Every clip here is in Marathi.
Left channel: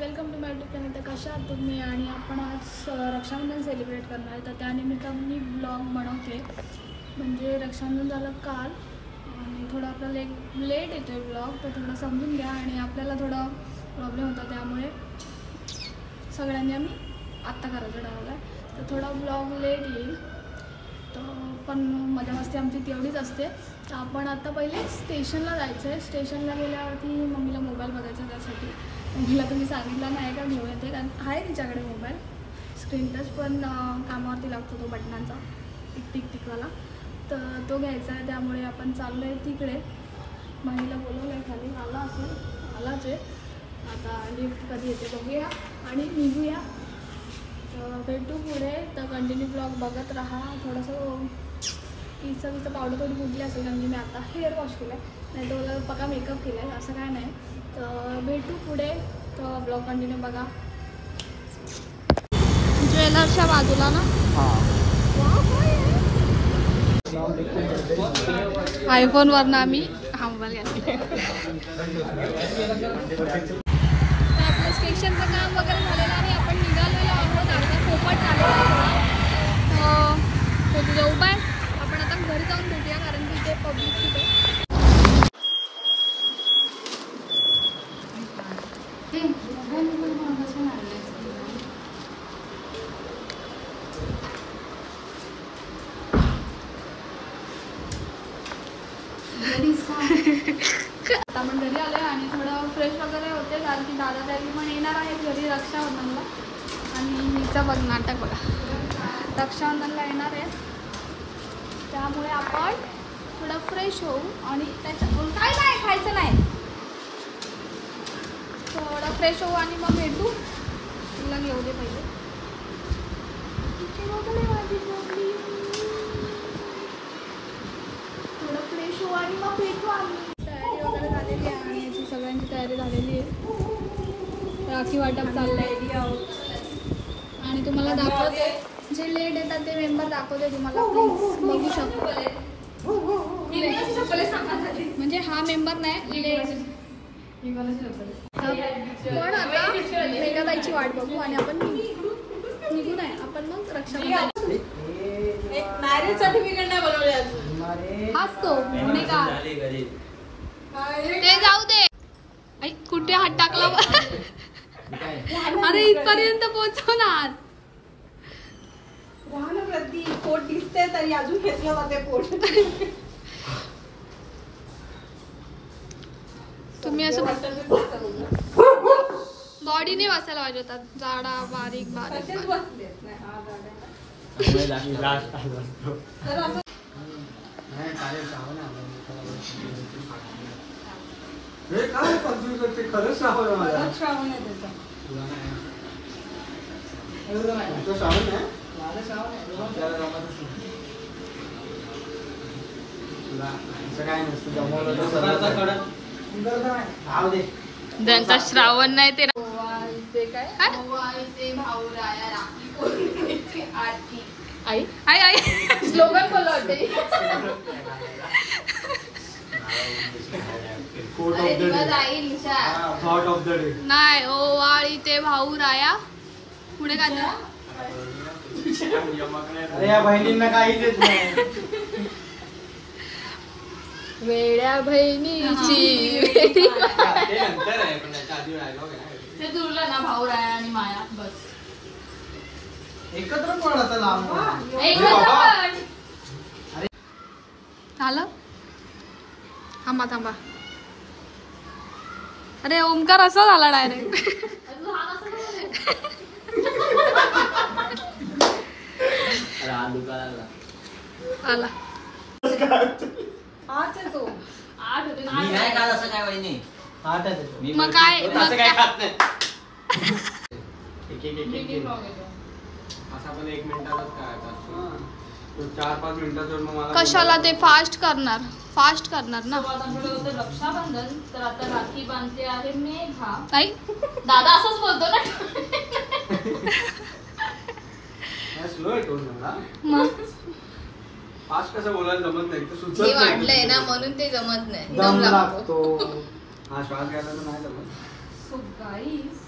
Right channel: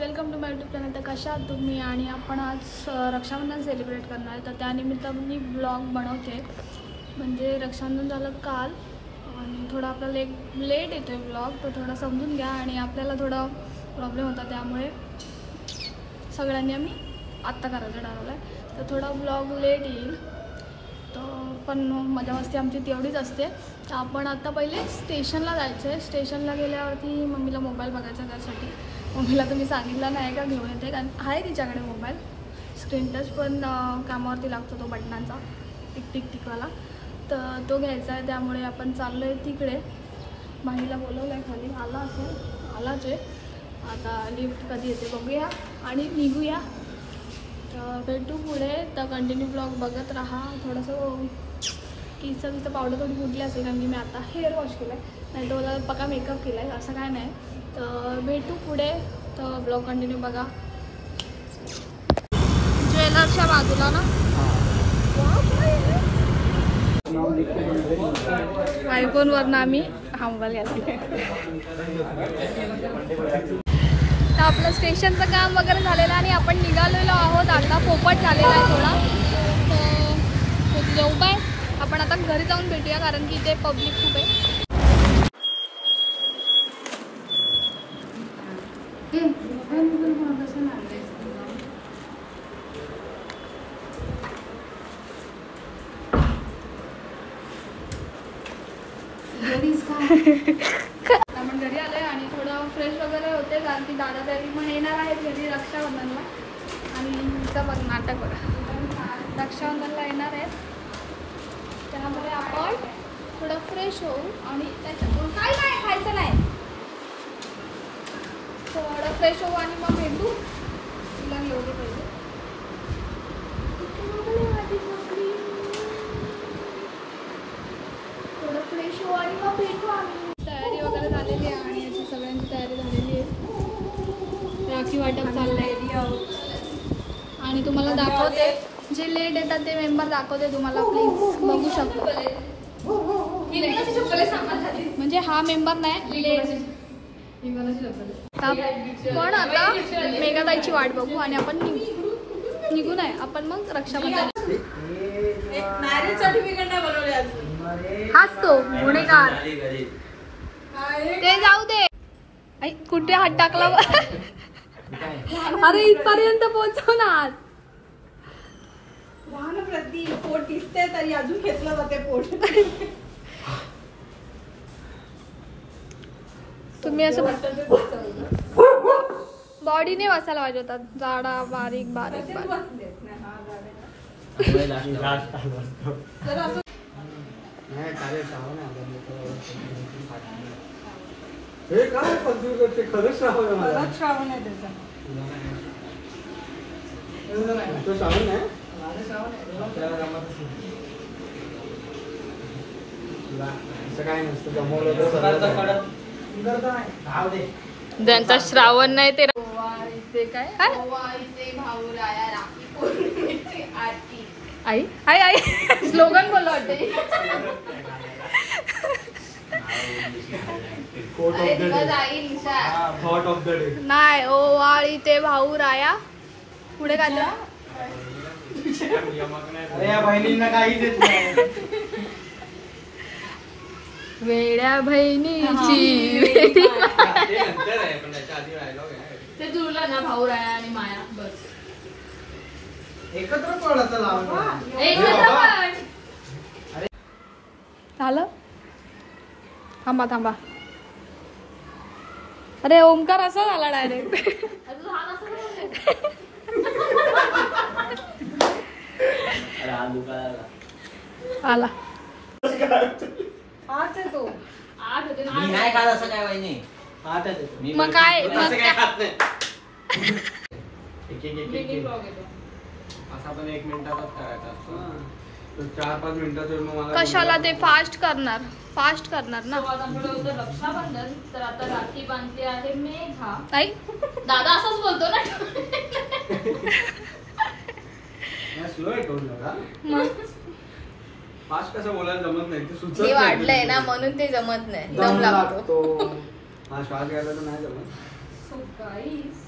Welcome to my YouTube channel. तर कशा आहात तुम्ही? आणि आपण आज रक्षाबंधन सेलिब्रेट करणार आहे, तर त्यानिमित्त मी ब्लॉग बनवते. म्हणजे रक्षाबंधन झालं काल आणि थोडा आपल्याला लेट येतो आहे ब्लॉग, तर थोडं समजून घ्या. आणि आपल्याला थोडा प्रॉब्लेम होता, त्यामुळे सगळ्यांनी आम्ही आत्ता करायचं ठरवलं आहे. तर थोडा ब्लॉग लेट येईल, तर पण मजा मस्ती आमची तेवढीच असते. तर आपण आता पहिले स्टेशनला जायचं आहे. स्टेशनला गेल्यावरती मम्मीला मोबाईल बघायचा, त्यासाठी मम्मीला तुम्ही सांगितलं नाही का घेऊन येते, कारण आहे तिच्याकडे मोबाईल स्क्रीन टच, पण कामावरती लागतो तो बटनांचा टिकवाला, तर तो घ्यायचा आहे. त्यामुळे आपण चाललो आहे तिकडे. माहीला बोलवलं आहे, खाली आलाच आहे. आता लिफ्ट कधी येते बघूया आणि निघूया. तर भेटू पुढे. तर कंटिन्यू ब्लॉग बघत राहा. थोडंसं किचं पावडर थोडी फुटली असेल, कारण की मी आता हेअर वॉश केलं आहे, नाही तर मला पक्का मेकअप केला आहे, असं काय नाही. तर भेटू पुढे. तर ब्लॉग कंटिन्यू बघा. ज्वेलर्सच्या बाजूला ना आयफोनवरनं आम्ही हा मोबाईल घेतला. तर आपलं स्टेशनचं काम वगैरे झालेलं आणि आपण निघालेलो आहोत. आता पोपट चाललेला आहे थोडा, तो तिथे उभा आहे. आपण आता घरी जाऊन भेटूया, कारण की इथे पब्लिक खूप आहे. आपण घरी आलोय आणि थोडं फ्रेश वगैरे होते, कारण की दादा तरी पण येणार आहेत घरी रक्षाबंधनला. आणि हिचं बघ नाटक बघा, रक्षाबंधनला येणार आहेत, त्यामुळे आपण थोडं फ्रेश होऊ. आणि त्याच्याकडून काय नाही खायचं नाही, थोडं फ्रेश होऊ आणि मग भेटू. तुला घेऊ दे पाहिजे. थोडं फ्रेश होऊ आणि मग भेटू आम्ही. तयारी वगैरे झालेली आहे आणि याची सगळ्यांची तयारी झालेली आहे. राखी वाटप चाललंय आणि तुम्हाला दाखवते, जे लेट येतात ते मेंबर दाखवते तुम्हाला, प्लीज बघू शकतो. म्हणजे हा मेंबर नाही लेट. पण आता मेघाताईची वाट बघू आणि आपण निघू नये. आपण मग रक्षाबंधन मॅरेज सर्टिफिकेट नाही बनवले हाच तो गुन्हेगार. ते जाऊ दे. कुठे हात टाकला? अरे इथपर्यंत पोहोचव ना. आज प्रति पोट दिसते तरी अजून घेतलं जाते पोट. तुम्ही असं बॉडीने वाचायला पाहिजे होता. जाडा बारीक बारीक बारीक. हे काय कन्फ्युज करते, खरंच श्रावण आहे मला. श्रावण आहे तो श्रावण आहे. असं काय नसतं, जमवलं ज्यांचा श्रावण नाही ते आई आई स्लोगन बोलला होते. नाही ओवाळी ते भाऊ राया. पुढे काय बहिणींना काही देत नाही. वेड्या बहिणीची ते जुळलं ना, भाऊ राया आणि माया बस एकत्र पण आता लावून झालं. थांबा थांबा. अरे ओमकार असं झाला डायरेक्ट. आला मग काय असा पण 1 मिनिटातच करायचा असतो. 4-5 मिनिटात कशाला ते फास्ट करणार ना. रक्षाबंधन. तर आता राखी बांधते आहे मेघा. आई दादा असंच बोलतो ना. स्लो आहे टोन मला. मग फास्ट कसं बोलायला जमत नाही, ते सुचत नाही. वाढलंय ना म्हणून ते जमत नाही. दम लागतो. हा श्वास घ्यायला तर नाही जमत. So guys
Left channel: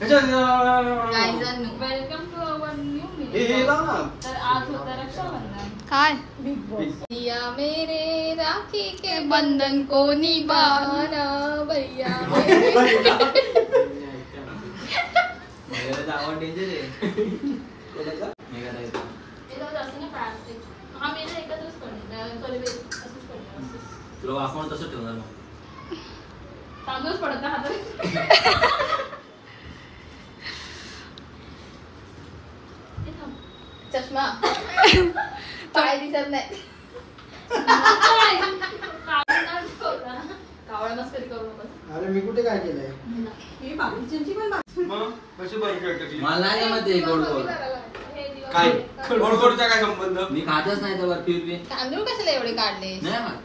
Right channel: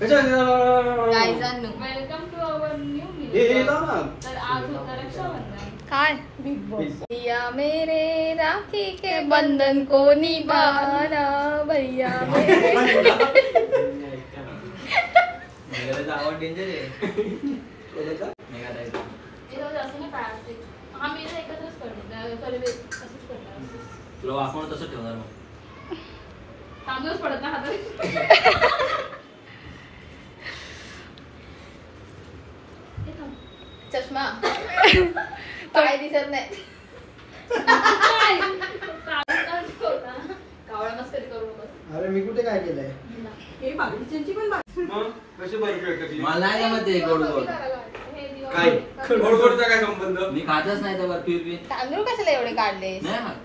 welcome to our new media. तर आज होतं रक्षाबंधन. काय भैया मेरे राखी के बंधन को निभाना भैया. तुला वाकवून तसं ठेवणार तांदूळच पडत ना हातात. चष्मा काय दिसत नाही. कावळानच कधी करू नका. अरे मी कुठे काय केलंय? मग कशी बर्फी अटकली मला नाही मध्ये गोड गोड काय गोड गोडचा काय संबंध मी खातच नाही तर बर्फी बी तांदूळ कशाला एवढे काढले? नाही खात.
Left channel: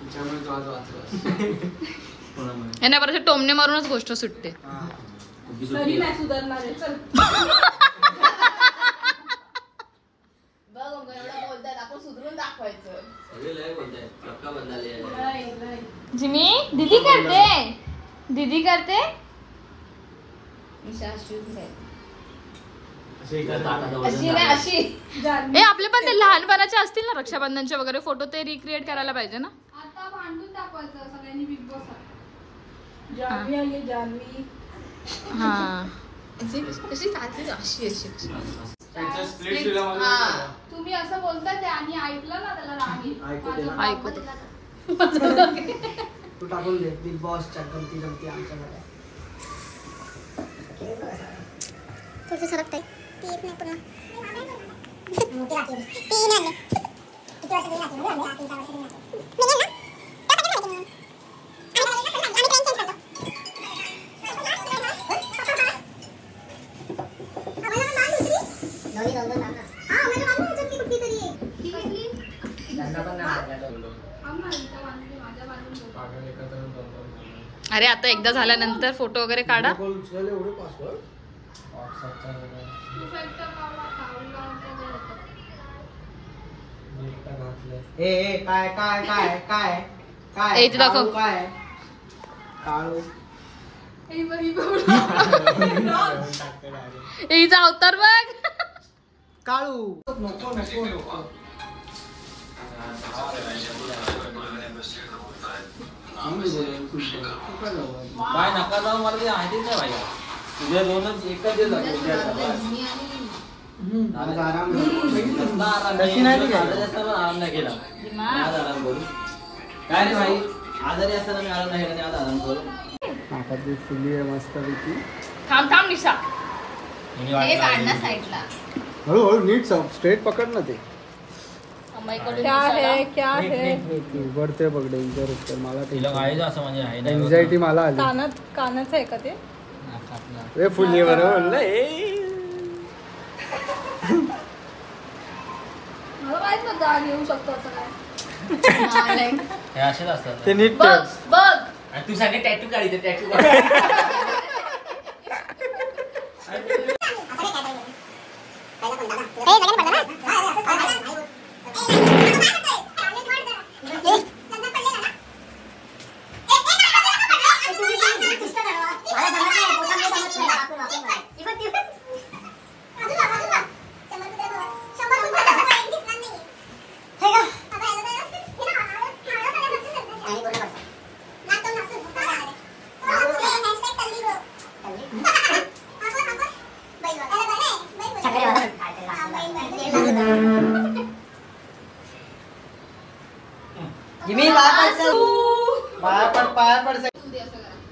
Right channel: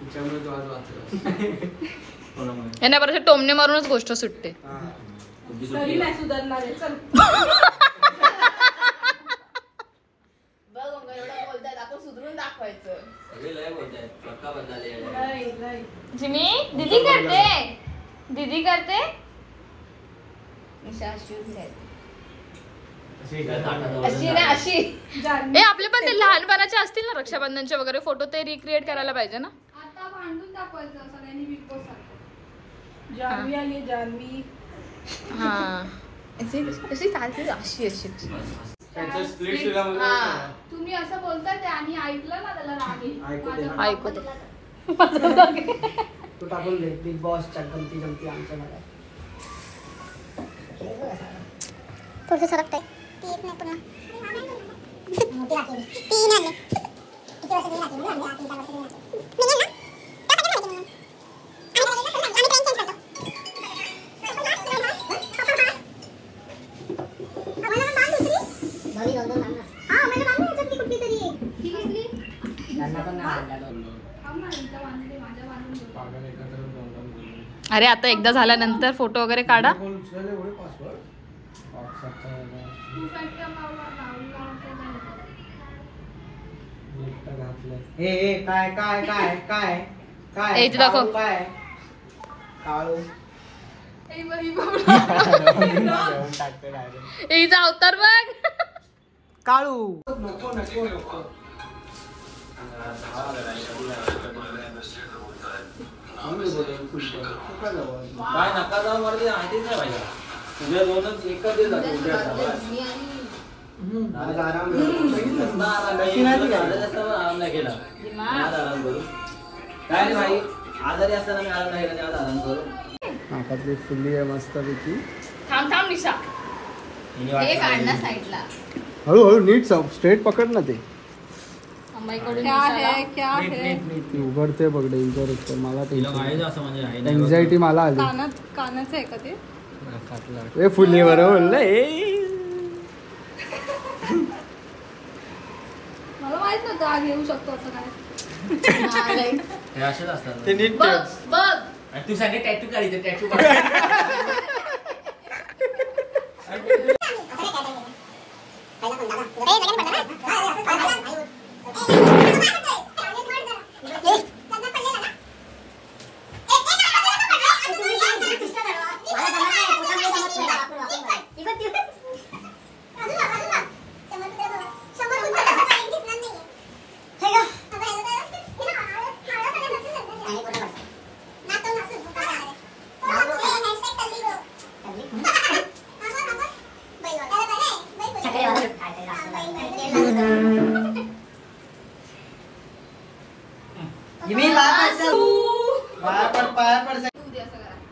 त्याच्यामुळे तो आज वाचला कोणामुळे? यांना बरं टोमणे मारूनच गोष्ट सुटते. तुझी तरी सुट्टी नाही सुधारणार आहे. चल. बघ मग एवढं बोलतात आपण सुधरून दाखवायचं. सगळे लय बोलताय चक्का बदलाले नाही, नाही. जिमी दीदी करते. दीदी करते. ईशा अशी उभी आहे. ताटाजवळ अशी नाही अशी. ए आपले पण ते लहानपणाचे असतील ना रक्षाबंधनचे वगैरे फोटो ते रिक्रिएट करायला पाहिजे ना. आता भांडून दाखवायचं सगळ्यांनी बिग बॉस. जान्हवी आली जान्हवी. हा अशी अशी सारखी अशी अशी. त्यांच्या स्प्लिट शिलामध्ये हा. तुम्ही असं बोलता ते आणि ऐकलं ना त्याला राग येईल. ऐकू दे ना. माझं ऐकू दे. तू टाकून दे बिग बॉसच्या गमती गमती आमच्या मला. थोडं सरकतंय ती येत नाही पुन्हा मोठी राखी ती नाही आणली. किती वर्ष गेली राखी? 3 वर्ष गेली राखी. अरे आता एकदा झाल्यानंतर फोटो वगैरे काढा. एवढे पासवर्ड ए काय काय काय काय काय ए, इथे दाखव. काय काळू हिचा अवतार बघ. काळू नको नको नको. काय नका जाऊ मला ते माहितीच नाही पाहिजे. तुझ्या दोनच एकच दिवस झाले. आज आराम आराम नाही केला. आज आराम करू काय रे भाई. आजारी असताना मी आराम नाही केला. आज आराम करू. नाकातली फुल्ली आहे मस्त पैकी. थांब थांब निशा. हे काढ ना साईडला. हळूहळू नीट स्ट्रेट पकड ना ते. क्या है क्या है? उघडते बघ डेंजर उत्तर मला तिला काय असं म्हणजे आहे नाही. एन्झायटी मला आली. कानाचं आहे का ते? ए फुल्ली बरोबर मला माहित नव्हतं आज येऊ शकतो असं काय. हे असेच असतात. ते नीट बघ बघ. आणि तू सांगे टॅटू काढी टॅटू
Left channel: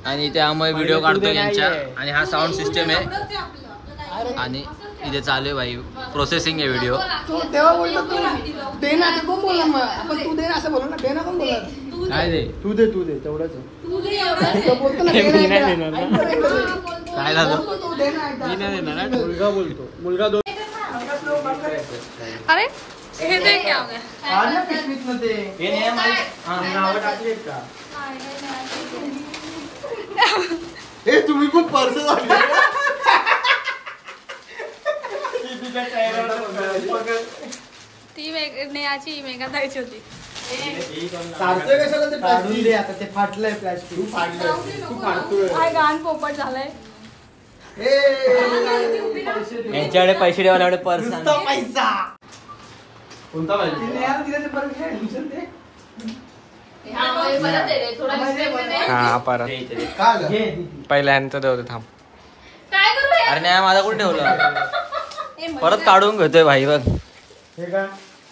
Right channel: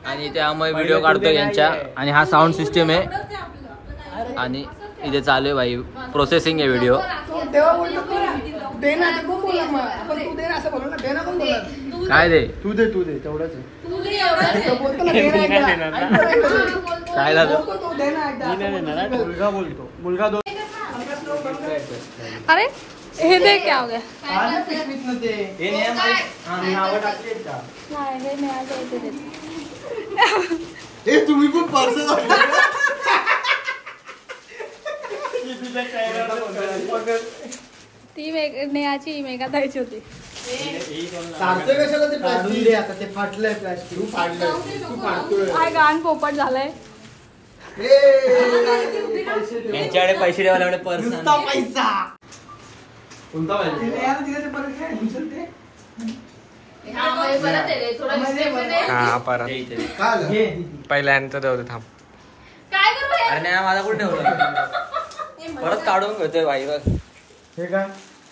आणि इथे आम्ही व्हिडिओ काढतोय यांच्या. आणि हा साऊंड सिस्टम आहे. आणि इथे चालू आहे भाई प्रोसेसिंग आहे व्हिडिओ. काय दे तू दे तेवढंच काय झालं. मुलगा बोलतो. मुलगा दोन अरे हे ते क्या हो गया. नावं टाकली हे तुम्ही खूप पर्स ती नेहाची मेघा जायची होती. काढतोय कशाला ते काढून दे आता, ते फाटलंय प्लास्टिक. तू फाडतोय. काय गाण पोपट झालंय. त्यांच्याकडे पैसे ठेवल्याकडे पर्स नुसता पैसा. कोणता पाहिजे? हा परत पहिल्यांदा देऊ थांब. काय करू यार? अरे माझा कुठे ठेवलं परत काढून घेतोय भाई बघ.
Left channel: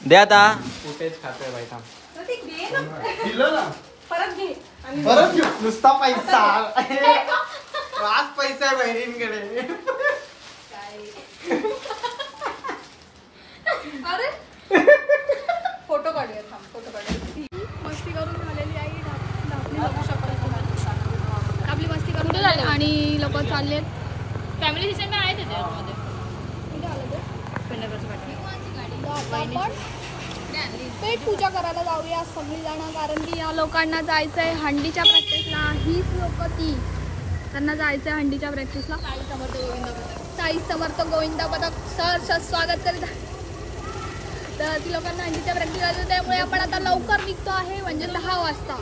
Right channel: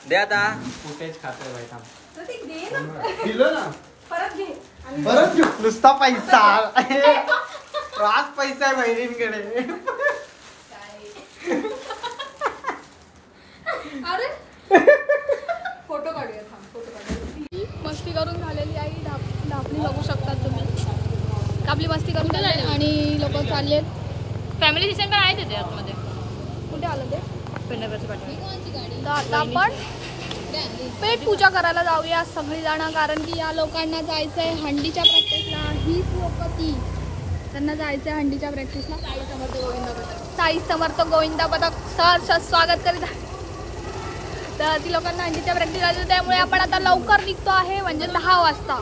दे आता. कुठेच खातोय भाई थांब. दिलं ना परत घे. परत घेऊ. नुसता पैसा. आज पैसा आहे बहिणींकडे. अरे फोटो काढूया थांब, फोटो काढूया. मस्ती करून झालेली आई ढापणी बघू शकता तुम्ही. आपली मस्ती करून झाली आणि लोक चालले. फॅमिली सेंटर आहे तिथे आतमध्ये. कुठे आलं ते? आता आपण पेट पूजा करायला जाऊया सगळी जण, कारण की या लोकांना जायचंय हंडीच्या प्रॅक्टिसला. हीच लोक ती, त्यांना जायचंय हंडीच्या प्रॅक्टिसला. साई समर्थ गोविंदा पथक सर स्वागत करीत आहे. तर ती लोकांना हंडीच्या प्रॅक्टिस आहे, त्यामुळे आपण आता लवकर निघतो आहे, म्हणजे 10 वाजता.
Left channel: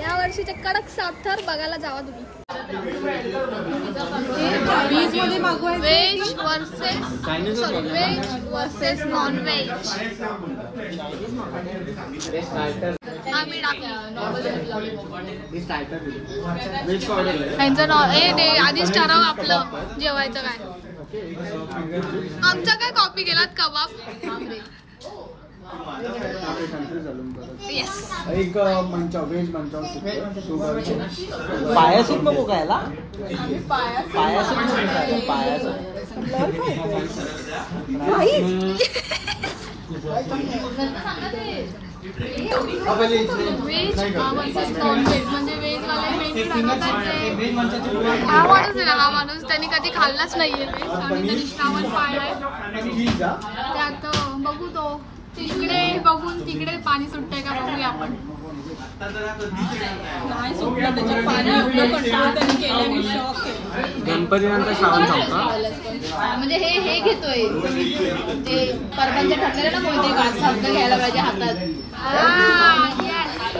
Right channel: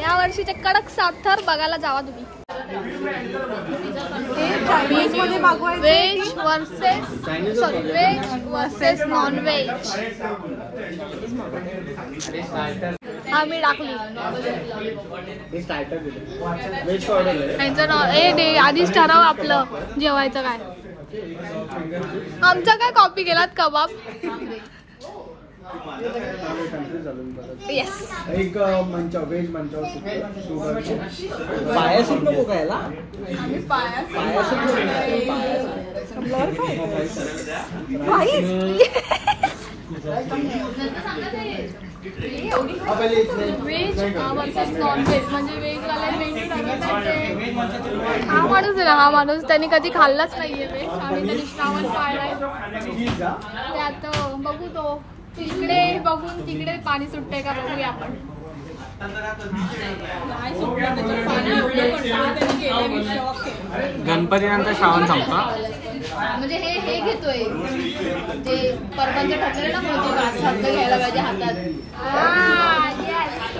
या वर्षीचे कडक साथर बघायला जावा तुम्ही. Veg versus non veg. आम्ही टाकली आधीच ठराव आपलं जेवायचं काय. आमचा काय कॉपी केलात कबाब. येस. एक मंचाव व्हेज मंचाव पाया सूप नको खायला. पाया सूप नको व्हेज वर्सेस नॉन व्हेज. म्हणजे व्हेजवाले मेन्यू ठरवतात. हा माणूस आहे ना, हा माणूस त्यांनी कधी खाल्लाच नाहीये व्हेज आणि त्यांनी श्रावण पाळलाय. त्यात बघू तो तिकडे बघून तिकडे पाणी सुटतंय का बघूया आपण. गणपती नंतर श्रावण संपतो. म्हणजे हे घेतोय ते परपंच ठरलेलं ना, मोदी वारसा हक्क घ्यायला पाहिजे हातात.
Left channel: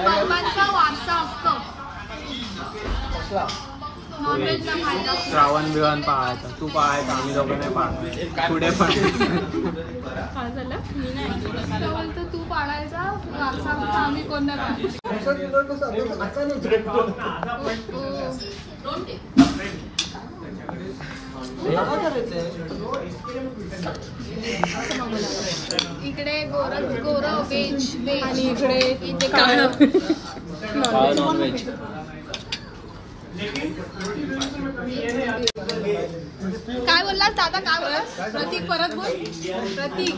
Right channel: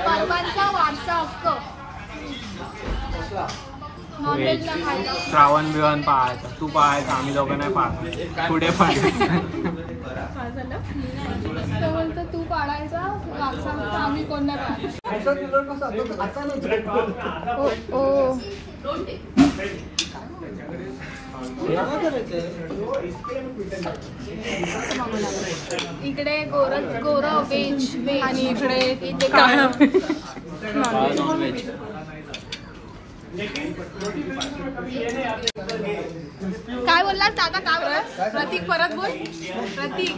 परबांचा वारसा हक्क. नॉनव्हेज न खायला. श्रावण बिवान पाहायचं. तू पाहायचं, आम्ही दोघं नाही पाहायचं. पुढे तो बोलतो तू पाळायचा वारसा हक्क, आम्ही कोण नाही पाळायचा. इकडे गोरा व्हेज आणि इकडे काळा नॉनव्हेज. काय बोललास दादा, काय बोललास? प्रतीक परत बोल. प्रतीक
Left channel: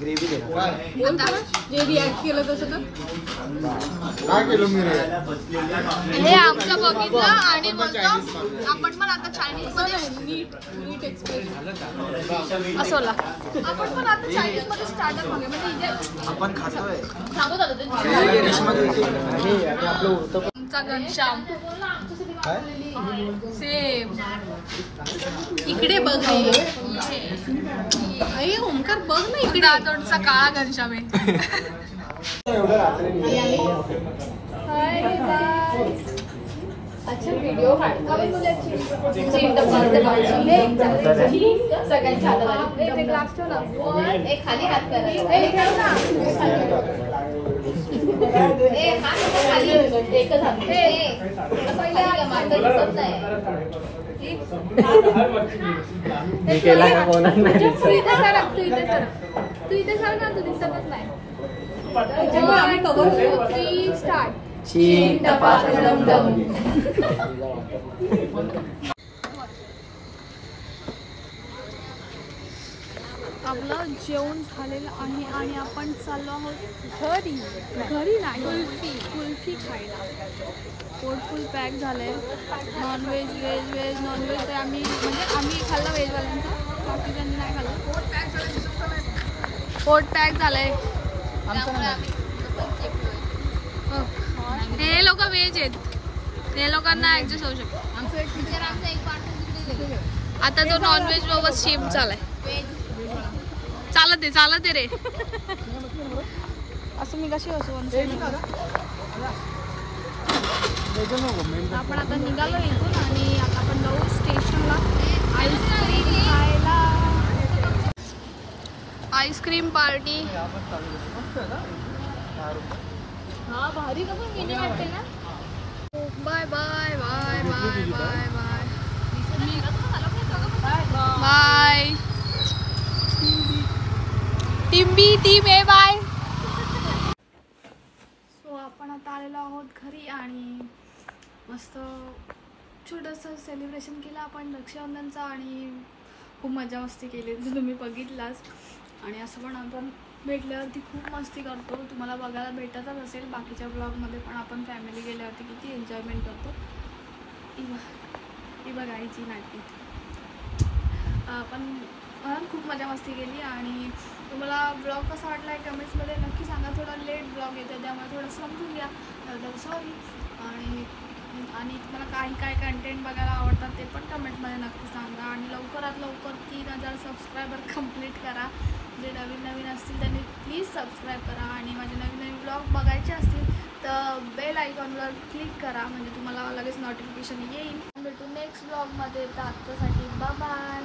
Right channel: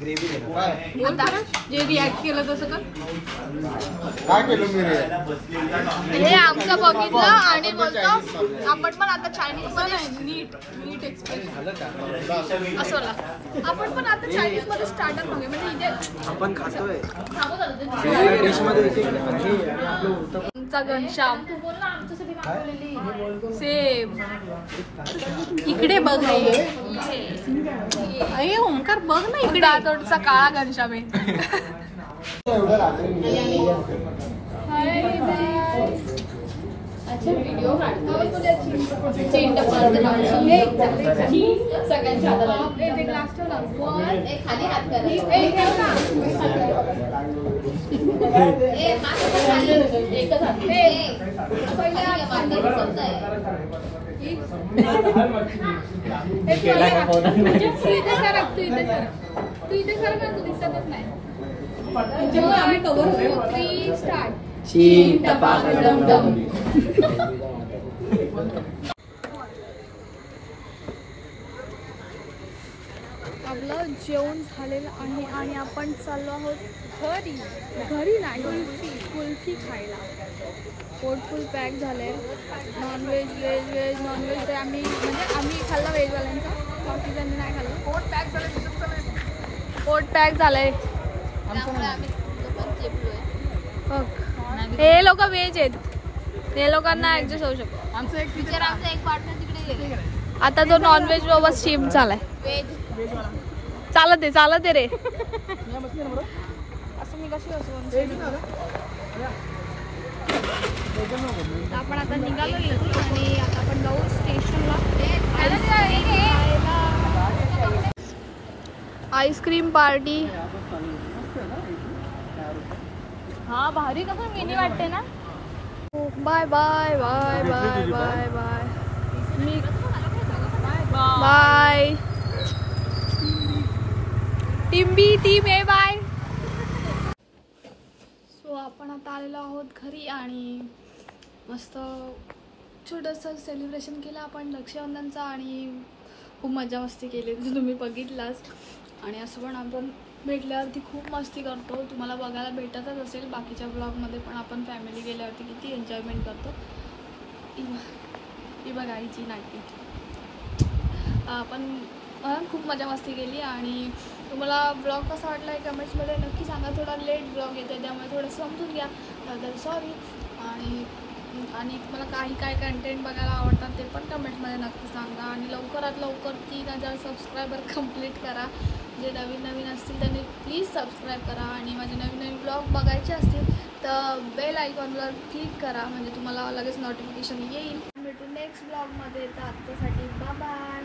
ग्रेव्ही आता जे रिॲक्ट केलं तसं तर काय केलं मी रे? हे आमचं बघितलं आणि बोलतो आपण पण आता चायनीज मध्ये असं बोला. आपण पण आता चायनीज मध्ये स्टार्टर मागे, म्हणजे इथे आपण खातोय डिश मध्ये आपलं उरतं. तुमचा घनश्याम सेम इकडे बघ. ओंकार बघ ना इकडे. दातोडचा काळा घनश्याम आहे. अच्छा व्हिडिओ काढतो सगळ्यांच्या हातात खाली हात खाली एकच हात दिसत नाही. तू इथे सर का, तू दिसतच नाही. आम्ही कव्हर होतो. 3 स्टार्ट. आपलं जेवण झालेलं आहे आणि आपण चाललो आहोत घरी नाही कुल्फी खायला. पोट फुल पॅक झालंय. नॉनव्हेज व्हेज नॉनव्हेज ते आम्ही खाल्ला व्हेजवाल्यांचा, बाकीच्यांनी नाही खाल्लं. पोट पॅक झालंय. हे लोक व्हेज आहेत, हे लोकांना ऍडजस्ट होऊ शकतो. आमचं एक टीचर, आमचा एक पार्टनर तिकडे गेले. आता जो नॉनव्हेज बाबा शिफ्ट झालाय. चालत आहे रे. असं मी कशी असो. आपण आता निघालो इथून आणि आता आपण जाऊ स्टेशनला आईस्क्रीम खायला. Ice cream party. हा भारी का पण मिनी वाटते ना. Bye bye bye bye bye bye. मी bye team A bye. So आपण आता आलेलो आहोत घरी आणि मस्त छोटंसं सेलिब्रेशन केलं आपण रक्षाबंधनचा आणि खूप मजा मस्ती केली जर तुम्ही बघितलाच. आणि असं पण आपण भेटल्यावरती खूप मस्ती करतो. तुम्हाला बघायला भेटतच असेल बाकीच्या ब्लॉगमध्ये पण आपण फॅमिली गेल्यावरती किती एन्जॉयमेंट करतो. ही बघायची नाटकी. आपण खूप मजा मस्ती केली आणि तुम्हाला ब्लॉग कसा वाटला आहे कमेंट्समध्ये नक्की सांगा. थोडा लेट ब्लॉग येतो त्यामुळे थोडं समजून घ्या त्याबद्दल सॉरी. आणि तुम्हाला काय कंटेंट बघायला आवडतात ते पण कमेंट्समध्ये नक्की सांगा. आणि लवकरात लवकर 3000 सबस्क्रायबर कंप्लीट करा. जे नवीन असतील त्यांनी प्लीज सबस्क्राईब करा. आणि माझे नवीन ब्लॉग बघायचे असतील तर बेल आयकॉनवर क्लिक करा म्हणजे तुम्हाला लगेच नोटिफिकेशन येईल. भेटू नेक्स्ट ब्लॉगमध्ये. तर आत्तासाठी बाय बाय.